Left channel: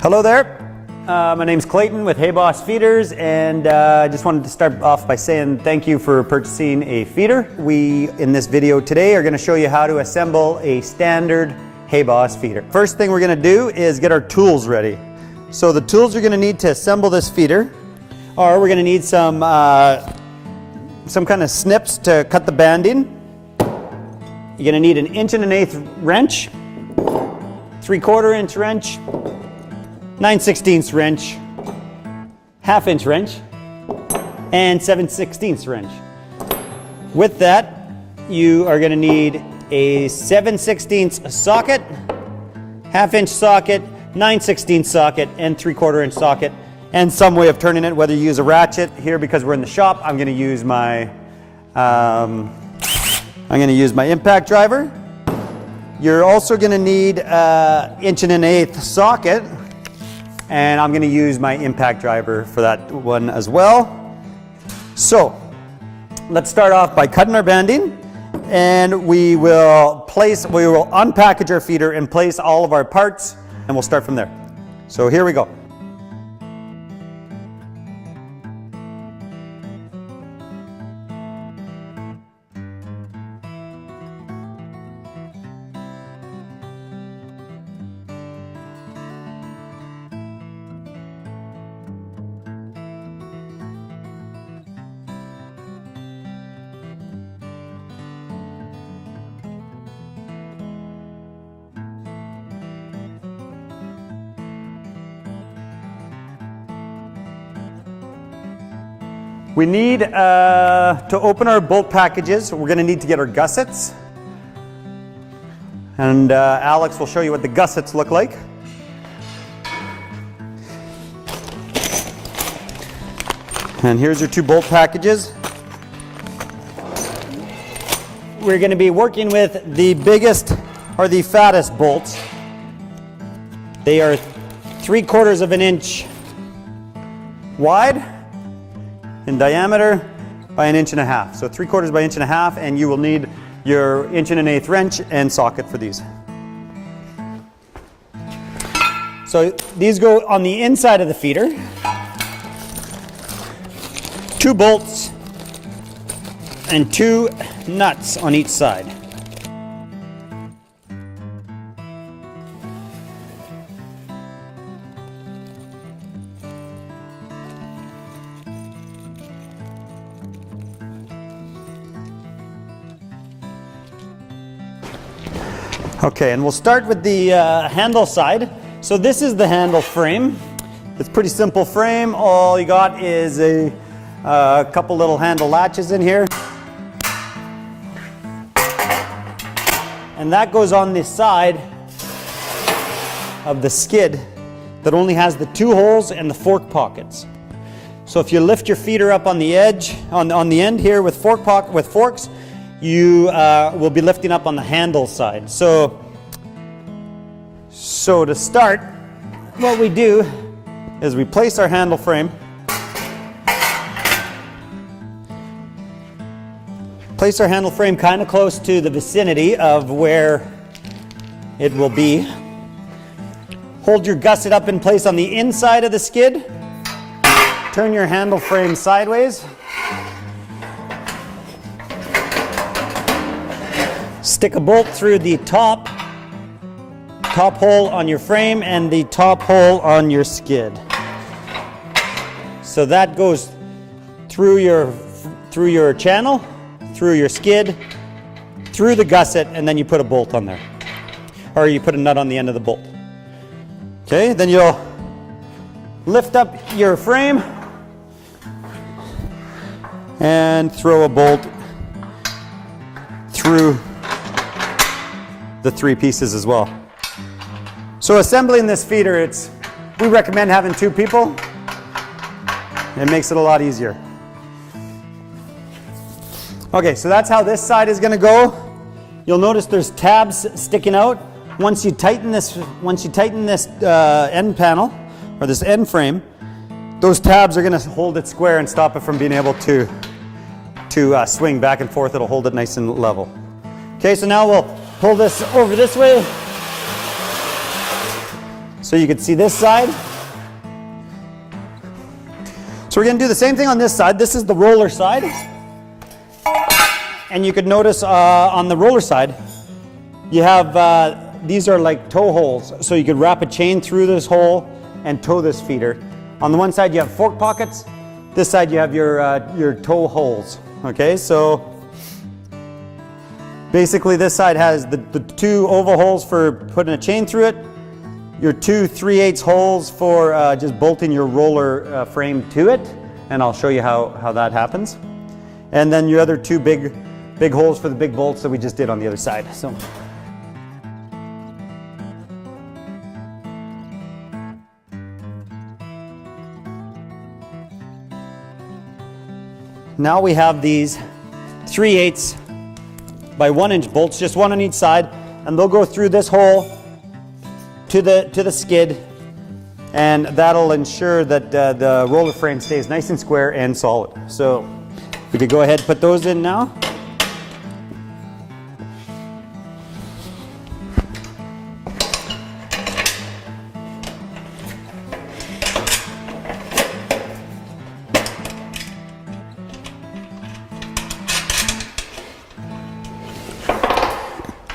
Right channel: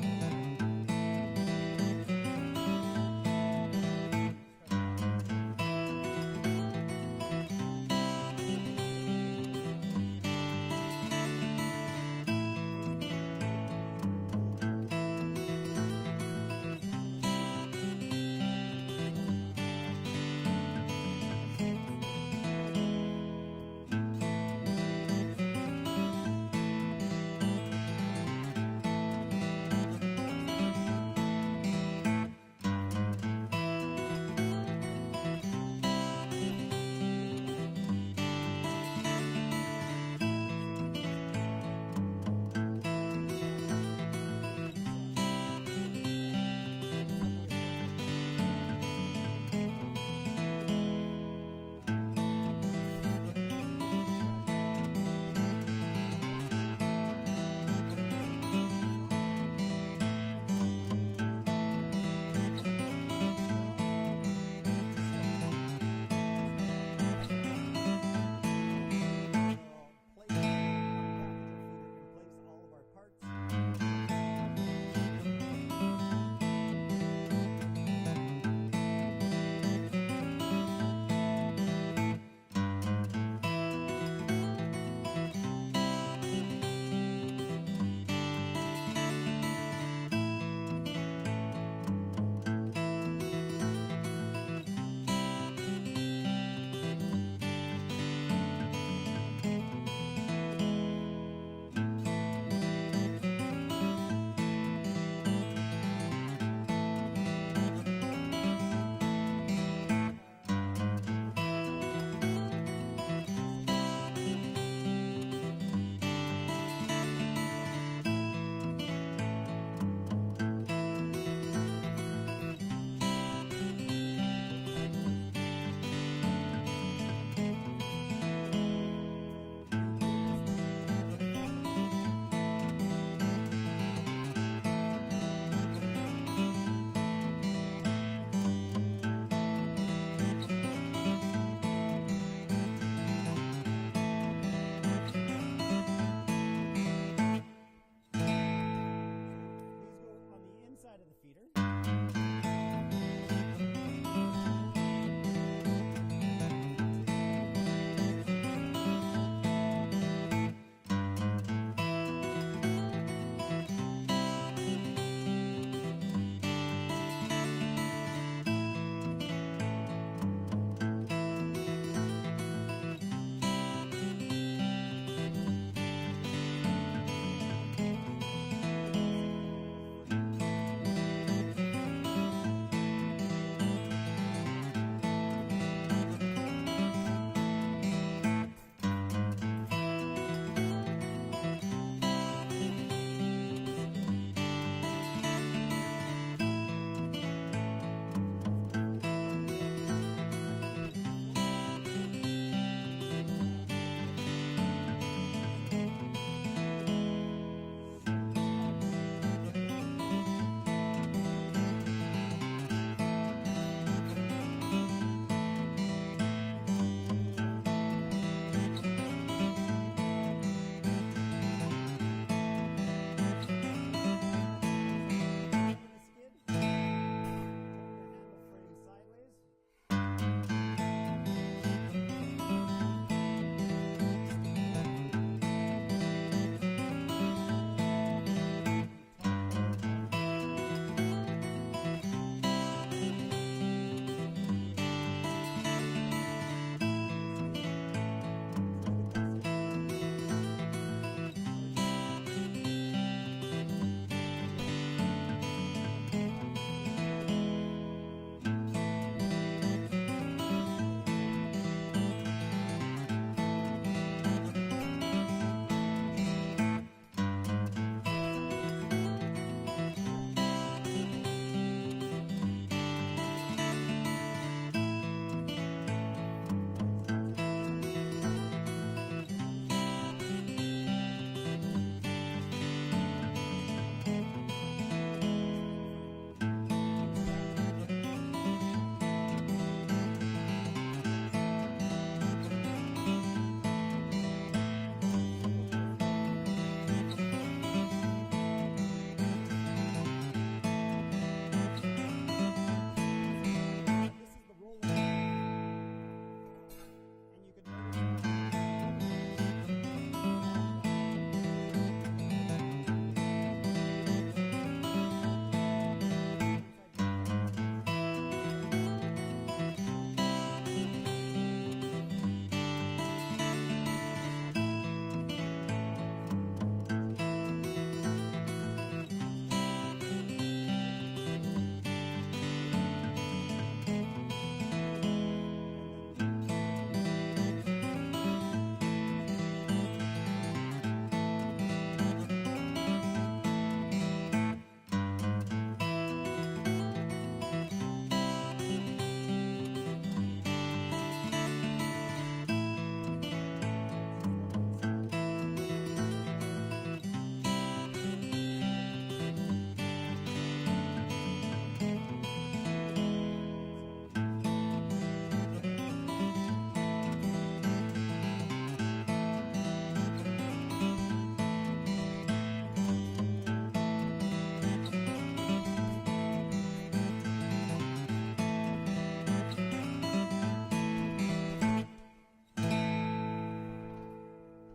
Hello there. My name's Clayton with HayBoss Feeders, and I just wanted to start off by saying thank you for purchasing a feeder. We, in this video today, are going to show you how to assemble a standard HayBoss feeder. First thing we're going to do is get our tools ready. So the tools you're going to need to assemble this feeder are, we're going to need some kind of snips to cut the banding. You're going to need an 1 1/8" wrench, 3/4 inch wrench, 9/16 wrench, 1/2 inch wrench, and 7/16 wrench. With that, you are going to need a 7/16 socket, 1/2 inch socket, 9/16 socket, and 3/4 inch socket, and some way of turning it, whether you use a ratchet. Here, because we're in the shop, I'm going to use my impact driver. You're also going to need an 1 1/8" socket, and I'm going to use my impact driver for that one as well. So let's start off by cutting our banding, and we will unpackage our feeder and place all of our parts, and we'll start from there. So here we go. We need to open our bolt packages. We're going to need to get our gussets, and Alex will show you what the gussets look like. And here's your 2 bolt packages. We're going to be working with the biggest or the fattest bolts. They are 3/4 inch wide in diameter by 1 1/2 inches. So 3/4 by 1 1/2 inches, and you will need your 1 1/8 wrench and socket for these. So these go on the inside of the feeder. 2 bolts and 2 nuts on each side. Okay, and we'll start with the handle side. So this is the handle frame. It's a pretty simple frame. All you got is a couple little handle latches in here. And that goes on the side of the skid that only has the 2 holes and the fork pockets. So if you lift your feeder up on the edge, on the end here with forks, you will be lifting up on the handle side. So to start, what we do is we place our handle frame, kind of close to the vicinity of where it will be. Hold your gusset up in place on the inside of the skid. Turn your handle frame sideways. Stick a bolt through the top hole on your frame and the top hole on your skid. So that goes through your channel, through your skid, through the gusset, and then you put a bolt on there. Or you put a nut on the end of the bolt. Okay, then you'll lift up your frame and throw a bolt through the 3 pieces as well. So assembling this feeder, we recommend having 2 people. It makes it a lot easier. Okay, so that's how this side is going to go. You'll notice there's tabs sticking out. Once you tighten this end panel or this end frame, those tabs are going to hold it square and stop it from being able to swing back and forth. It'll hold it nice and level. Okay, so now we'll pull this over this way. So you can see this side. So we're going to do the same thing on this side. This is the roller side. And you could notice on the roller side, you have, these are like toe holes. So you could wrap a chain through this hole and tow this feeder. On the one side you have fork pockets. This side you have your toe holes. Okay, so basically this side has the two oval holes for putting a chain through it, your two 3/8 holes for just bolting your roller frame to it, and I'll show you how that happens. And then your other two big holes for the big bolts that we just did on the other side. So. Now we have these 3/8 by 1 inch bolts, just one on each side, and they'll go through this hole to the skid, and that'll ensure that the roller frame stays nice and square and solid. So we could go ahead and put those in now.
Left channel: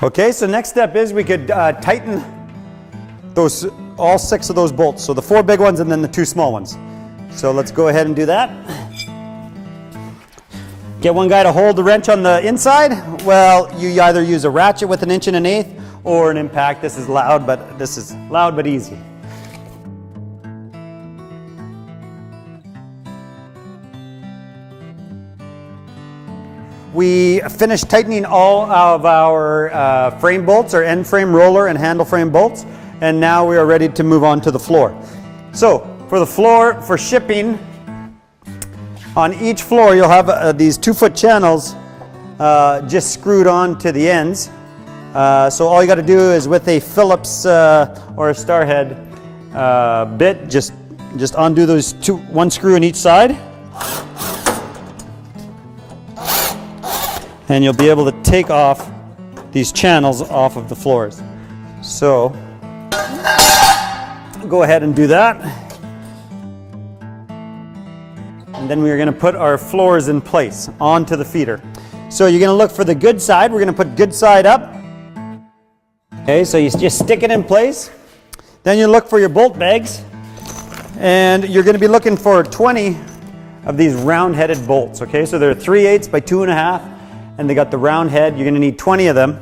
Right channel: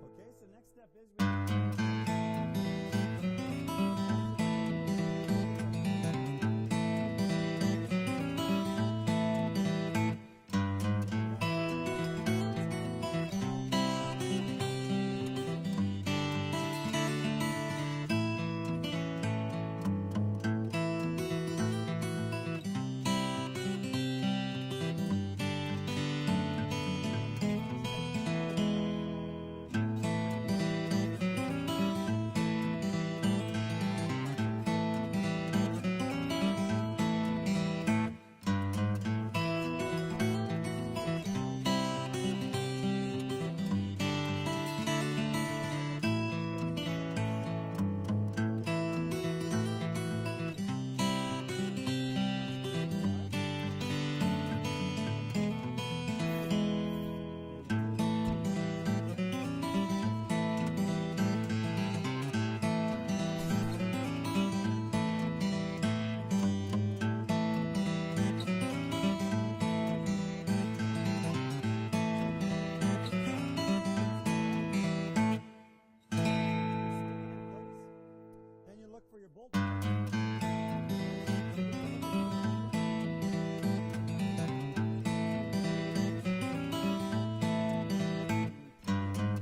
Okay, so next step is we could tighten all 6 of those bolts. So the 4 big ones and then the 2 small ones. So let's go ahead and do that. Get one guy to hold the wrench on the inside. Well, you either use a ratchet with 1 1/8 inch or an impact. This is loud but easy. We finished tightening all of our frame bolts, our end frame roller and handle frame bolts, and now we are ready to move on to the floor. So for the floor, for shipping, on each floor you'll have these 2-foot channels just screwed on to the ends. So all you got to do is with a Phillips or a Starhead bit, just undo those 1 screw in each side. And you'll be able to take off these channels off of the floors. So go ahead and do that. And then we're going to put our floors in place onto the feeder. So you're going to look for the good side. We're going to put good side up. Okay, so you just stick it in place. Then you look for your bolt bags. And you're going to be looking for 20 of these round-headed bolts. Okay, so they're 3/8 by 2 1/2. And they got the round head. You're going to need 20 of them.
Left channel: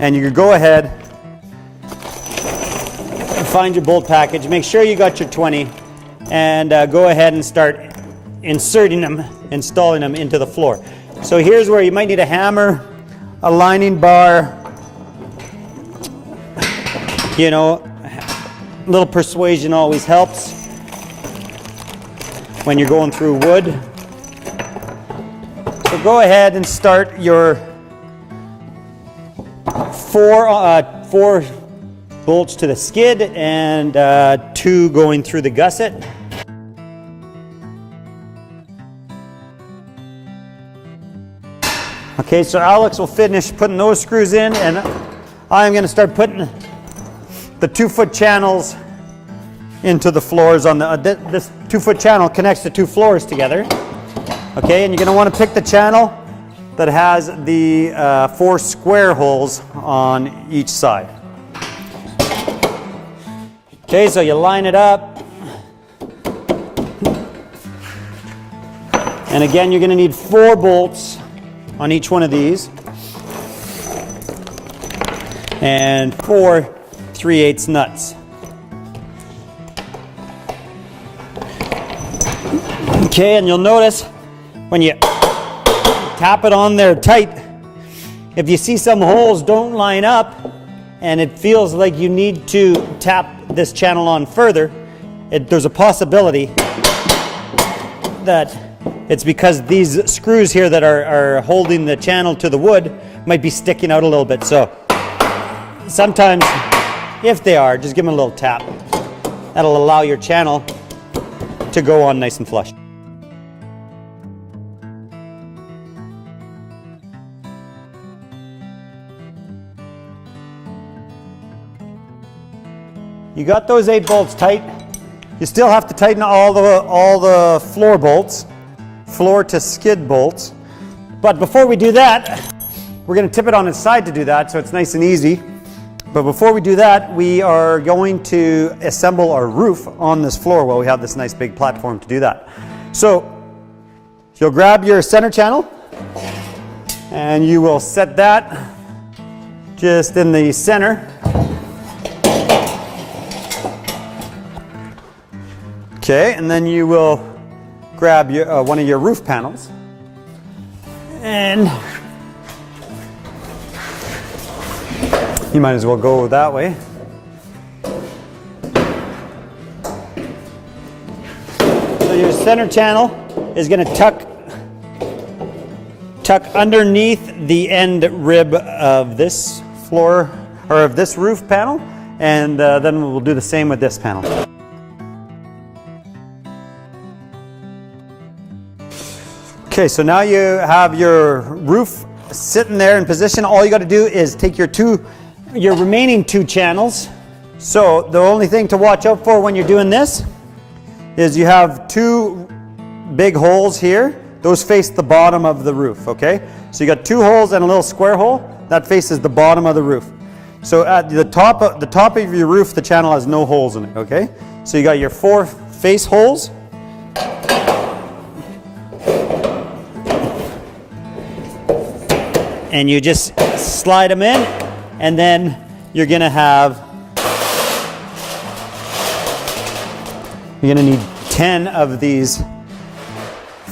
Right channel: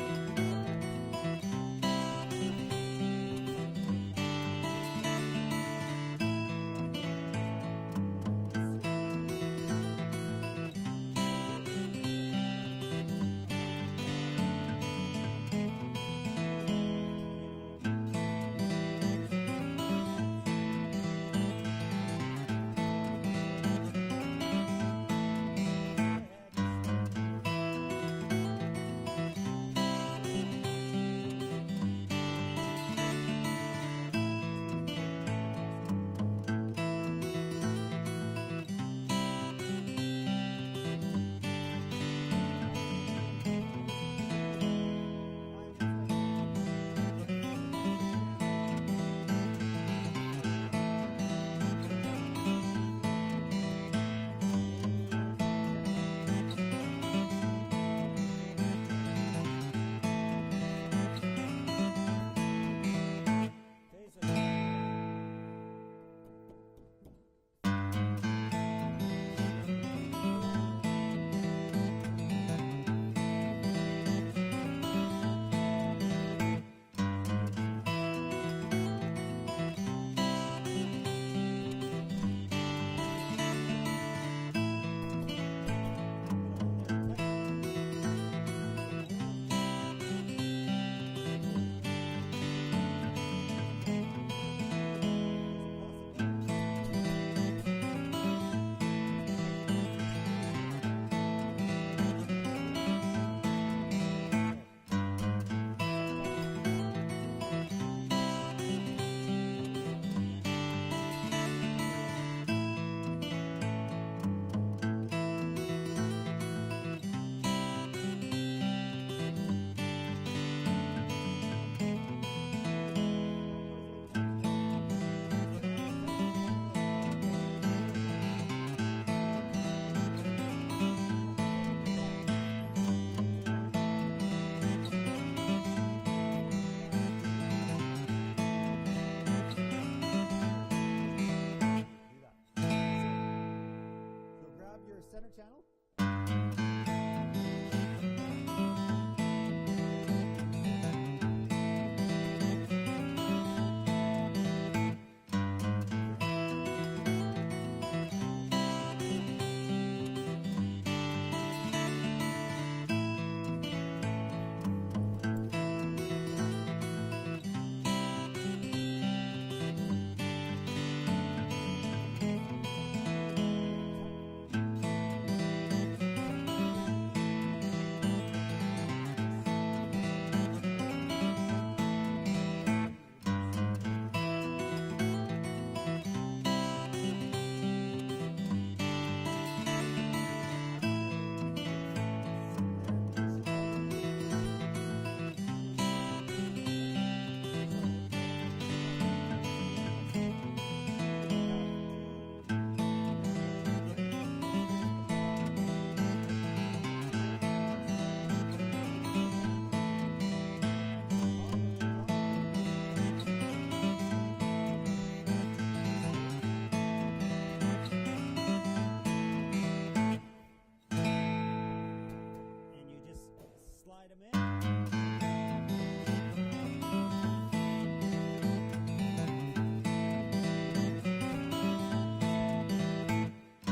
And you can go ahead and find your bolt package. Make sure you got your 20 and go ahead and start inserting them, installing them into the floor. So here's where you might need a hammer, a lining bar, you know, a little persuasion always helps when you're going through wood. So go ahead and start your 4 bolts to the skid and 2 going through the gusset. Okay, so Alex will finish putting those screws in, and I'm going to start putting the 2-foot channels into the floors on the this 2-foot channel connects the 2 floors together. Okay, and you're going to want to pick the channel that has the 4 square holes on each side. Okay, so you line it up. And again, you're going to need 4 bolts on each one of these. And 4 3/8 nuts. Okay, and you'll notice when you tap it on there tight, if you see some holes don't line up and it feels like you need to tap this channel on further, there's a possibility that it's because these screws here that are holding the channel to the wood might be sticking out a little bit. So sometimes, if they are, just give them a little tap. That'll allow your channel to go on nice and flush. you got those 8 bolts tight. You still have to tighten all the floor bolts, floor to skid bolts. But before we do that, we're going to tip it on its side to do that, so it's nice and easy. But before we do that, we are going to assemble our roof on this floor while we have this nice big platform to do that. So you'll grab your center channel and you will set that just in the center. Okay, and then you will grab your, one of your roof panels and you might as well go that way. So your center channel is going to tuck underneath the end rib of this floor or of this roof panel, and then we'll do the same with this panel. Okay, so now you have your roof sitting there in position. All you got to do is take your remaining 2 channels. So the only thing to watch out for when you're doing this is you have 2 big holes here. Those face the bottom of the roof, okay? So you got 2 holes and a little square hole. That faces the bottom of the roof. So at the top of your roof, the channel has no holes in it, okay? So you got your 4 face holes. And you just slide them in, and then you're gonna need 10 of these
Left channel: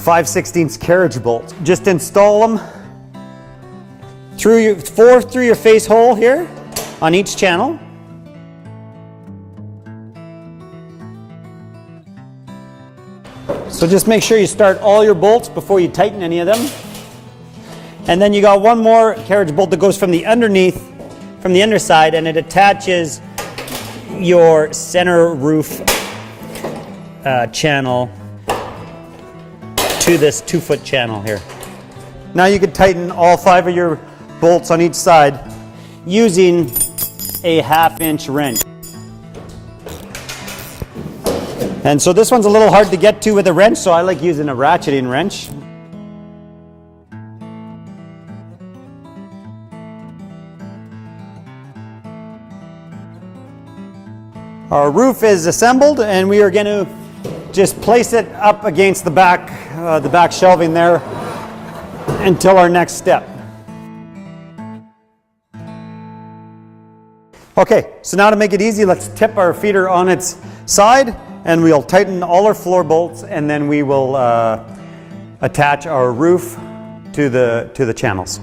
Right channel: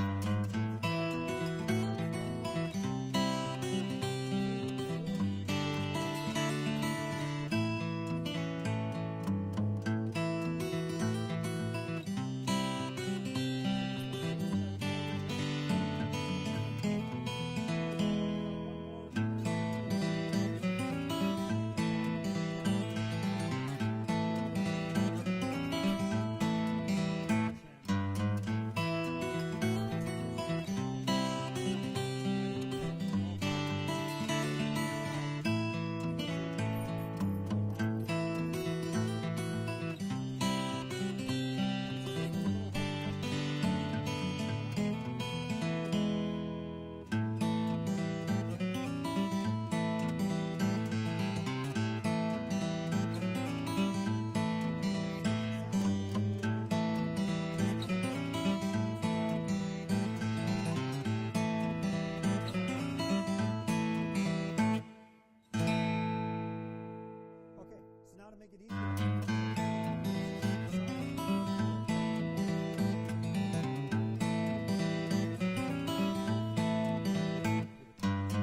5/16 carriage bolts. Just install them through 4 through your face hole here on each channel. So just make sure you start all your bolts before you tighten any of them. And then you got 1 more carriage bolt that goes from the underside, and it attaches your center roof channel to this 2-foot channel here. Now you can tighten all 5 of your bolts on each side using a 1/2-inch wrench. And so this one's a little hard to get to with a wrench, so I like using a ratcheting wrench. Our roof is assembled, and we are going to just place it up against the back shelving there until our next step. Okay, so now to make it easy, let's tip our feeder on its side, and we'll tighten all our floor bolts, and then we will attach our roof to the channels.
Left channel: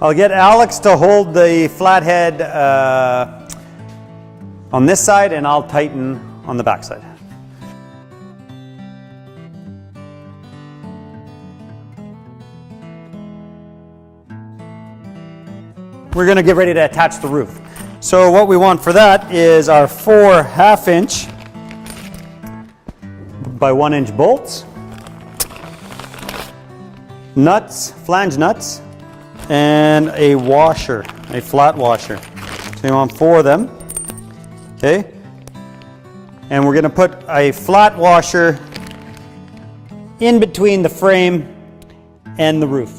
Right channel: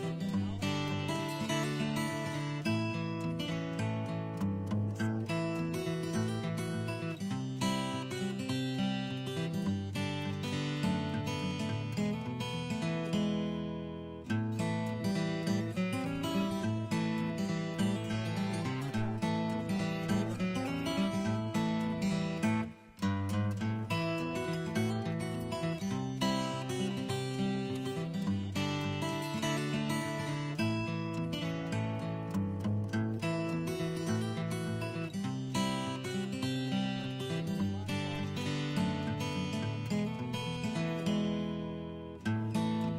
I'll get Alex to hold the flathead on this side, and I'll tighten on the back side. We're going to get ready to attach the roof. So what we want for that is our 4 1/2-inch by 1-inch bolts, nuts, flange nuts, and a washer, a flat washer. So you want 4 of them, okay? And we're gonna put a flat washer in between the frame and the roof.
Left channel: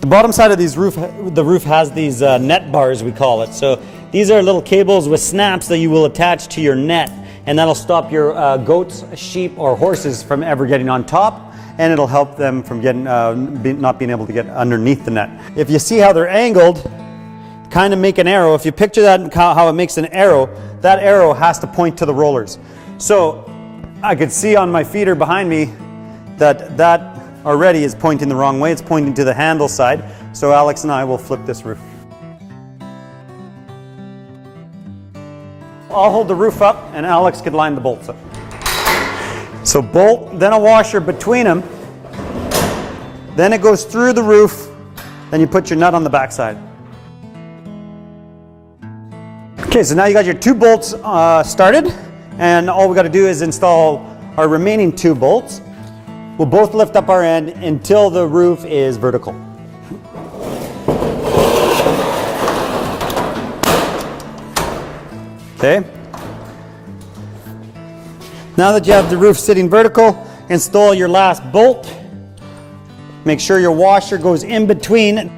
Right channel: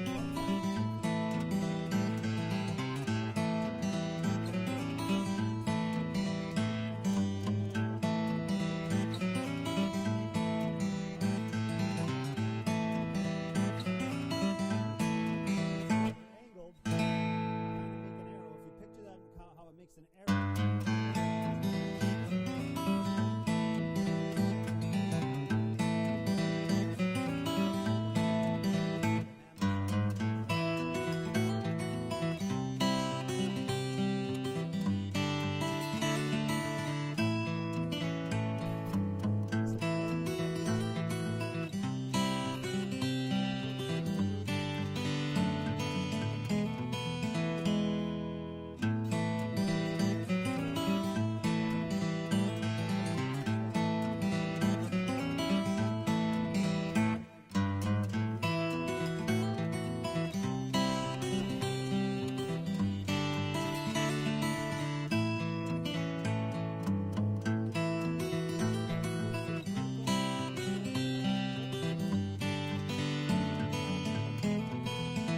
The bottom side of the roof has these net bars, we call it. So these are little cables with snaps that you will attach to your net, and that'll stop your goats, sheep, or horses from ever getting on top, and it'll help them from getting not being able to get underneath the net. If you see how they're angled, kind of make an arrow. If you picture that, how it makes an arrow, that arrow has to point to the rollers. So I could see on my feeder behind me that already is pointing the wrong way. It's pointing to the handle side. So Alex and I will flip this roof. I'll hold the roof up and Alex could line the bolts up. So bolt, then a washer between them, then it goes through the roof, then you put your nut on the back side. Okay, so now you got your 2 bolts started, and all we got to do is install our remaining 2 bolts. We'll both lift up our end until the roof is vertical. Okay. Now that you have the roof sitting vertical, install your last bolt. Make sure your washer goes in between.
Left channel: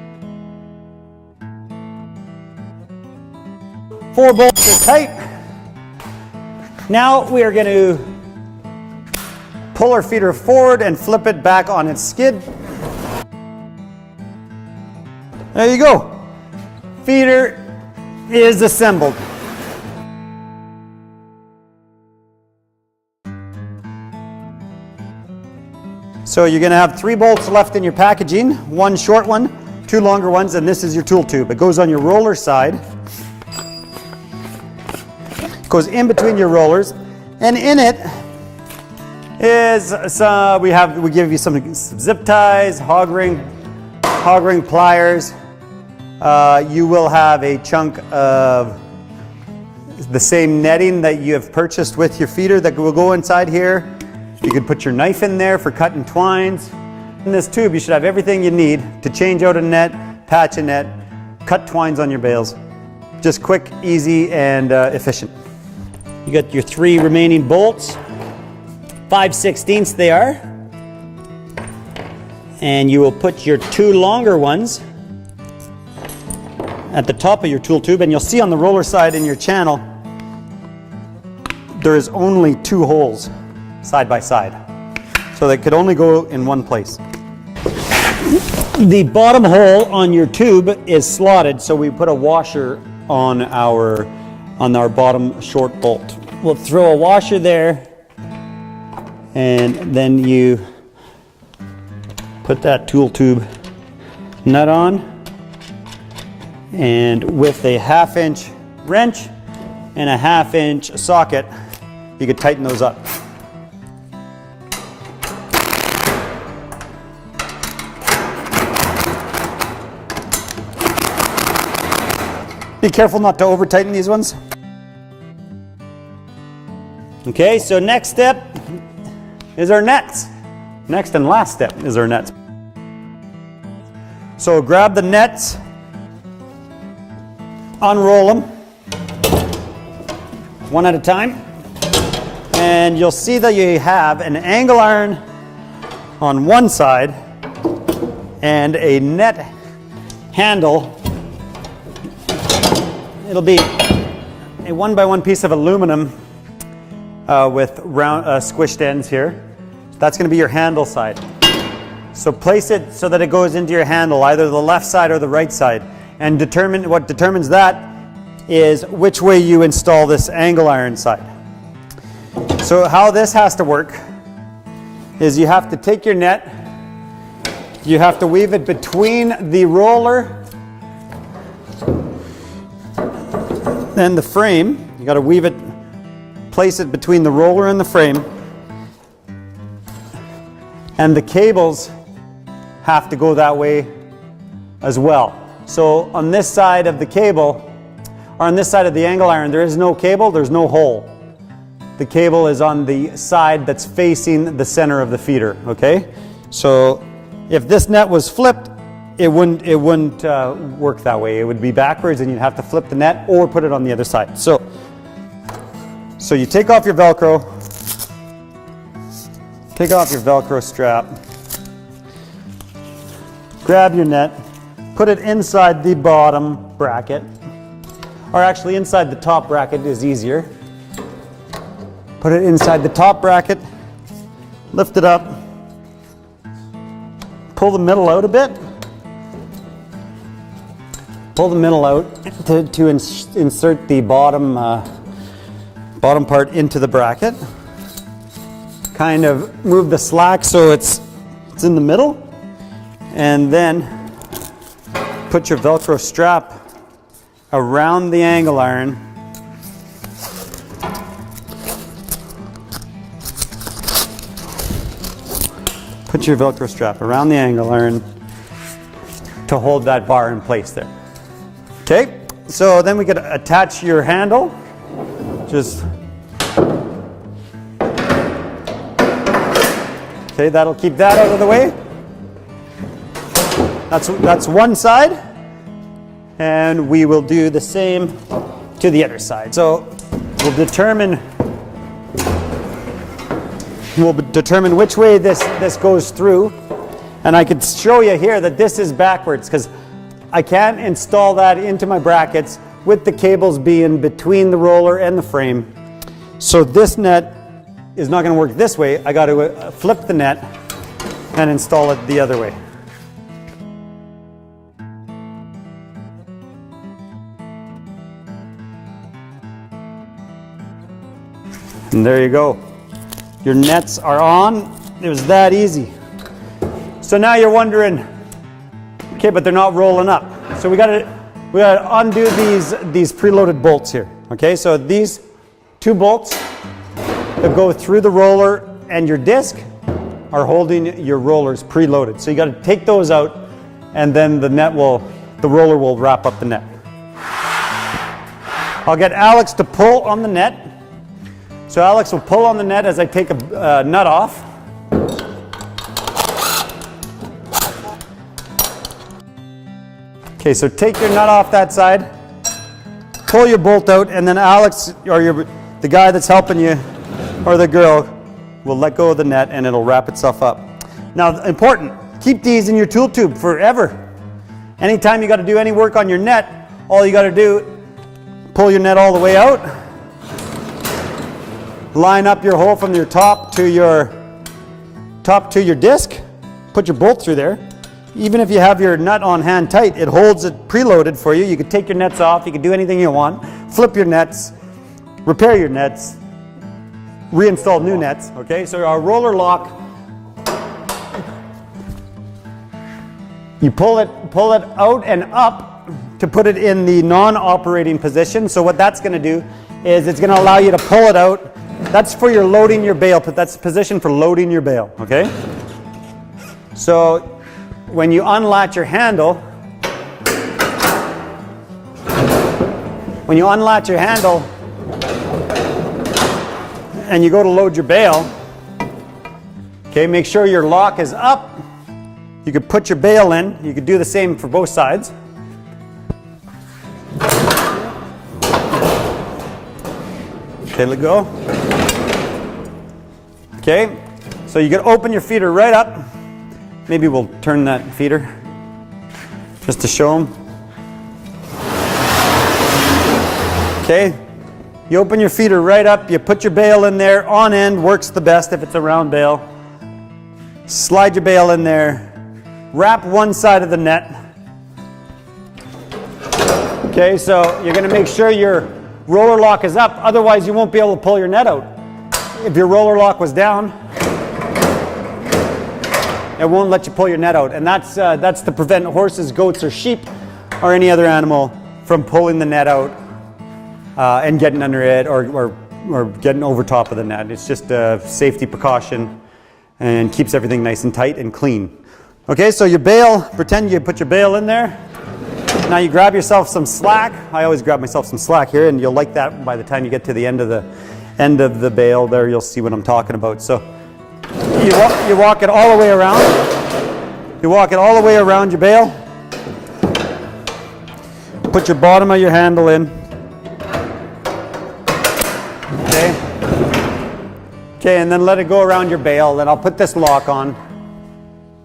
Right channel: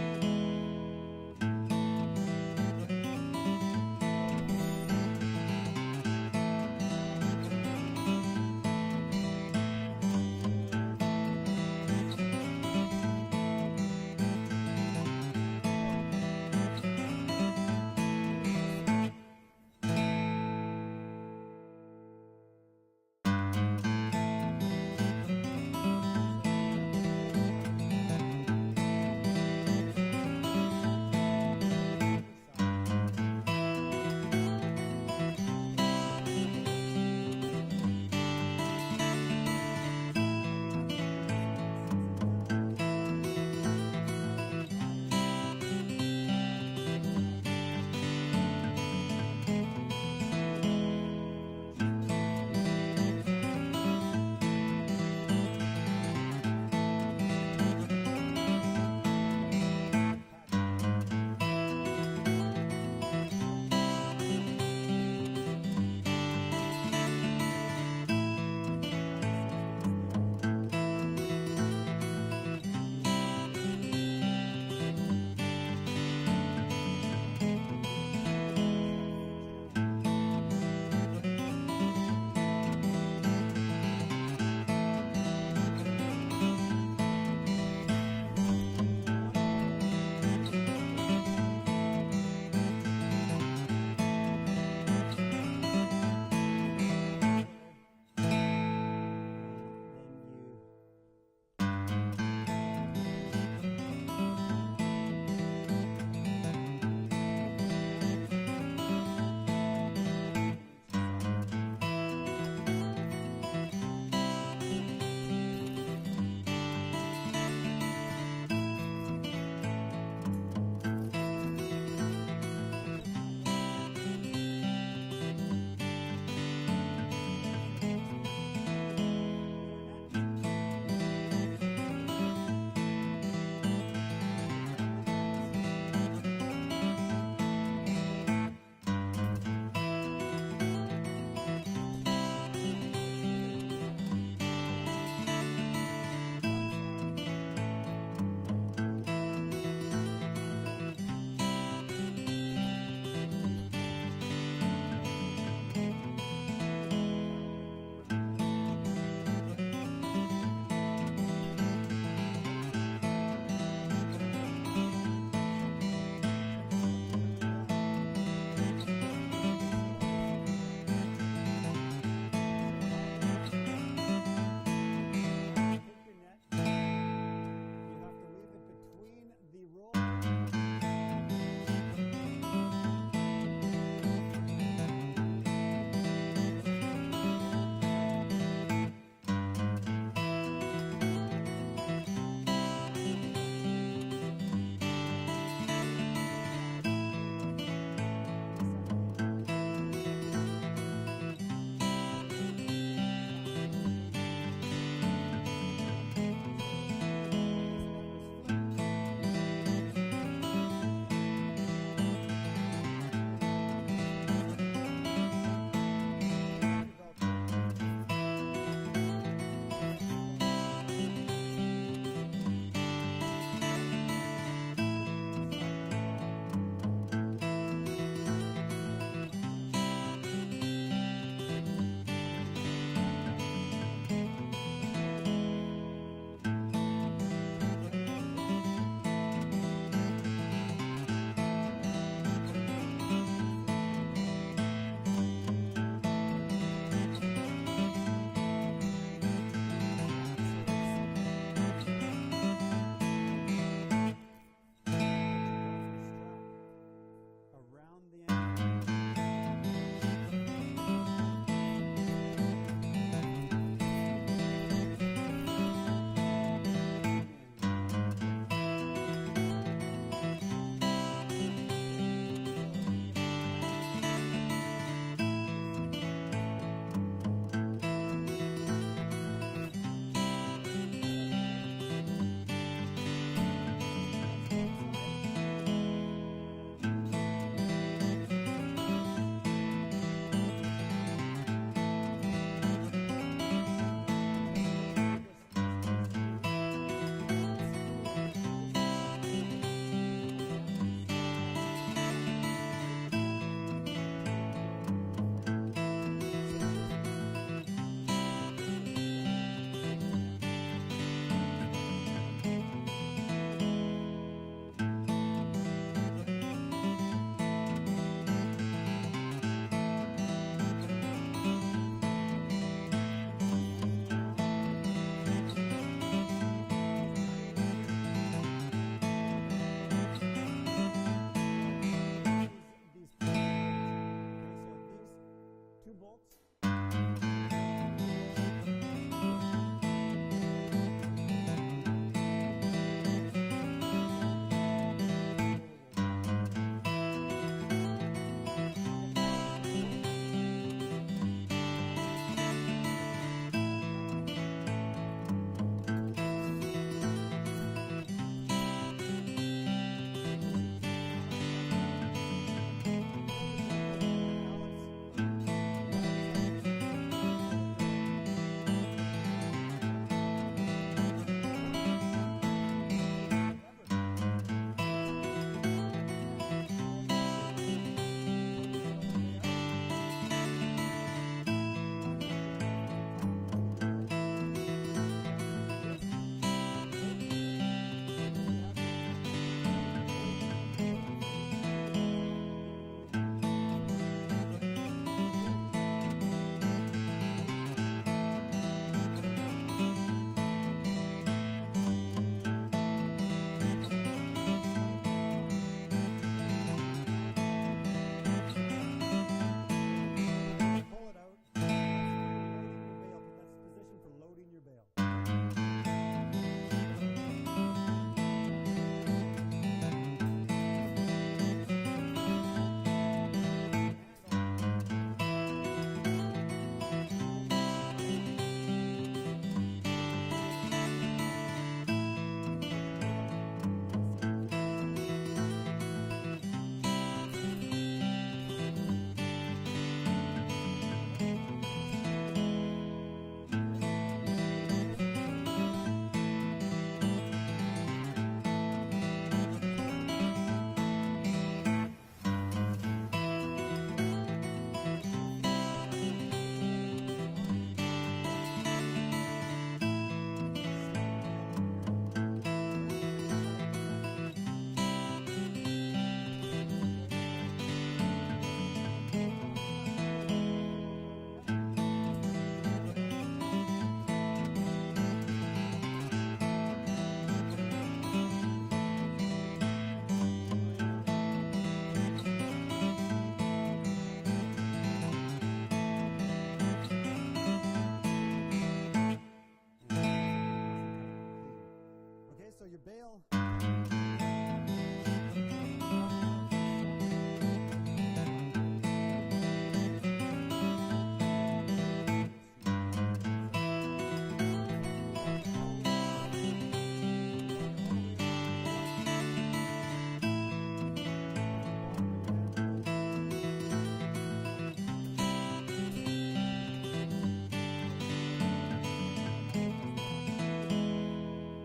4 bolts are tight. Now we are going to pull our feeder forward and flip it back on its skid. There you go. Feeder is assembled. So you're going to have 3 bolts left in your packaging, 1 short one, 2 longer ones, and this is your tool tube. It goes on your roller side. It goes in between your rollers, and in it is we give you some zip ties, hog ring pliers. You will have a chunk of the same netting that you have purchased with your feeder that will go inside here. You could put your knife in there for cutting twines. In this tube, you should have everything you need to change out a net, patch a net, cut twines on your bales. Just quick, easy, and efficient. You got your 3 remaining bolts, 5/16 they are. And you will put your 2 longer ones at the top of your tool tube, and you'll see on the roller side in your channel, there is only 2 holes side by side. So they could only go in one place. The bottom hole on your tube is slotted, so we put a washer on our bottom short bolt. We'll throw a washer there, and then you put that tool tube nut on, and with a 1/2 inch wrench and a 1/2 inch socket, you could tighten those up. Be careful not to over tighten these ones. Okay, so next step is our nets. Next and last step is our nets. So grab the nets, unroll them one at a time, and you'll see that you have an angle iron on one side and a net handle. It'll be a 1x1 piece of aluminum with round squished ends here. That's going to be your handle side. So place it so that it goes into your handle, either the left side or the right side. And what determines that is which way you install this angle iron side. So how this has to work is you have to take your net, you have to weave it between the roller and the frame. You got to weave it, place it between the roller and the frame. And the cables have to go that way as well. So on this side of the cable, or on this side of the angle iron, there is no cable, there's no hole. The cable is on the side that's facing the center of the feeder, okay? So if this net was flipped, it wouldn't work that way. It would be backwards, and you'd have to flip the net or put it on the other side. So you take off your Velcro, take off your Velcro strap, grab your net, put it inside the bottom bracket, or actually inside the top bracket is easier. Put it inside the top bracket, lift it up, pull the middle out a bit. Pull the middle out to insert the bottom part into the bracket. Kind of move the slack so it's in the middle, and then put your Velcro strap around the angle iron. Put your Velcro strap around the angle iron to hold that bar in place there. Okay, so then we could attach your handle. Just, okay, that'll keep that out of the way. That's one side, and we will do the same to the other side. So will determine which way this goes through. And I could show you here that this is backwards because I can't install that into my brackets with the cables being between the roller and the frame. So this net is not going to work this way. I got to flip the net and install it the other way. And there you go. Your nets are on. It was that easy. So now you're wondering, okay, but they're not rolling up. So we gotta undo these preloaded bolts here. Okay, so these two bolts that go through the roller and your disc are holding your rollers preloaded. So you gotta take those out, and then the roller will wrap up the net. I'll get Alex to pull on the net. So Alex will pull on the net as I take a nut off. Okay, so take your nut off that side, pull your bolt out, and then Alex, or the guy that's helping you, or the girl, will let go of the net and it'll wrap itself up. Now, important, keep these in your tool tube forever. Anytime you got to do any work on your net, all you got to do, pull your net all the way out, line up your hole from your top to your disc, put your bolt through there. Even if you have your nut on hand tight, it holds it preloaded for you. You can take your nets off, you can do anything you want, flip your nets, repair your nets, reinstall new nets. Okay, so our roller lock, you pull it out and up to put it in the non-operating position. So what that's going to do is it's going to allow you to pull it out. That's for your loading your bale, but that's the position for loading your bale, okay? So when you unlatch your handle, and you go to load your bale, okay, make sure your lock is up. You could put your bale in. You could do the same for both sides. Okay, let go. Okay, so you can open your feeder right up. Maybe we'll turn that feeder just to show them. Okay, you open your feeder right up, you put your bale in there, on end works the best if it's a round bale. Slide your bale in there, wrap one side of the net. Okay, so you're going to make sure your roller lock is up, otherwise you won't be able to pull your net out. If your roller lock was down, it won't let you pull your net out, and that's to prevent horses, goats, or sheep, or any other animal from pulling the net out and getting under it or getting over top of the net. It's just a safety precaution and keeps everything nice and tight and clean. Okay, so your bale, pretend you put your bale in there. Now you grab yourself some slack. I always grab myself some slack here, and you'll like that by the time you get to the end of the bale there. You'll see what I'm talking about. So you walk it all the way around. You walk it all the way around your bale. Put your bottom of your handle in. Okay. Okay, and then let it go around your bale. Then I'll put this lock on.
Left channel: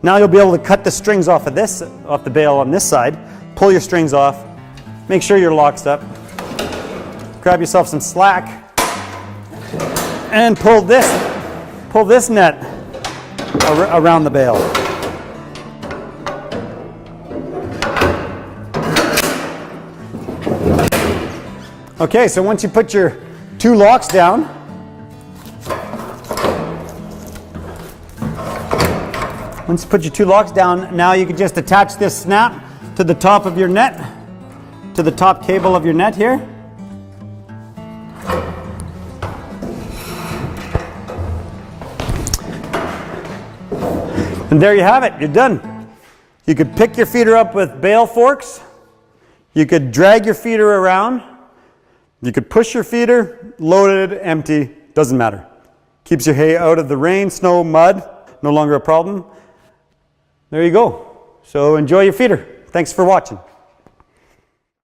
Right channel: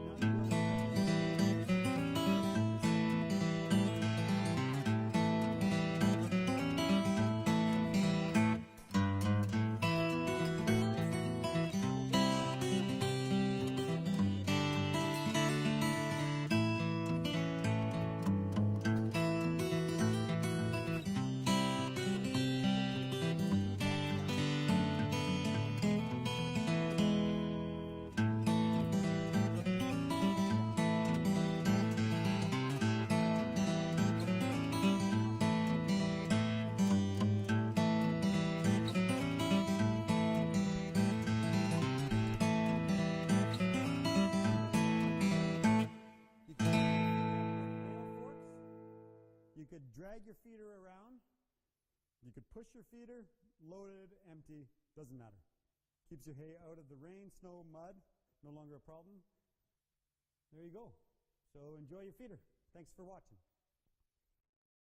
Now you'll be able to cut the strings off the bale on this side. Pull your strings off. Make sure your lock's up. Grab yourself some slack and pull this net around the bale. Okay, so once you put your two locks down, now you can just attach this snap to the top of your net, to the top cable of your net here. And there you have it, you're done. You could pick your feeder up with bale forks. You could drag your feeder around. You could push your feeder, loaded, empty, doesn't matter. Keeps your hay out of the rain, snow, mud, no longer a problem. There you go. So enjoy your feeder. Thanks for watching.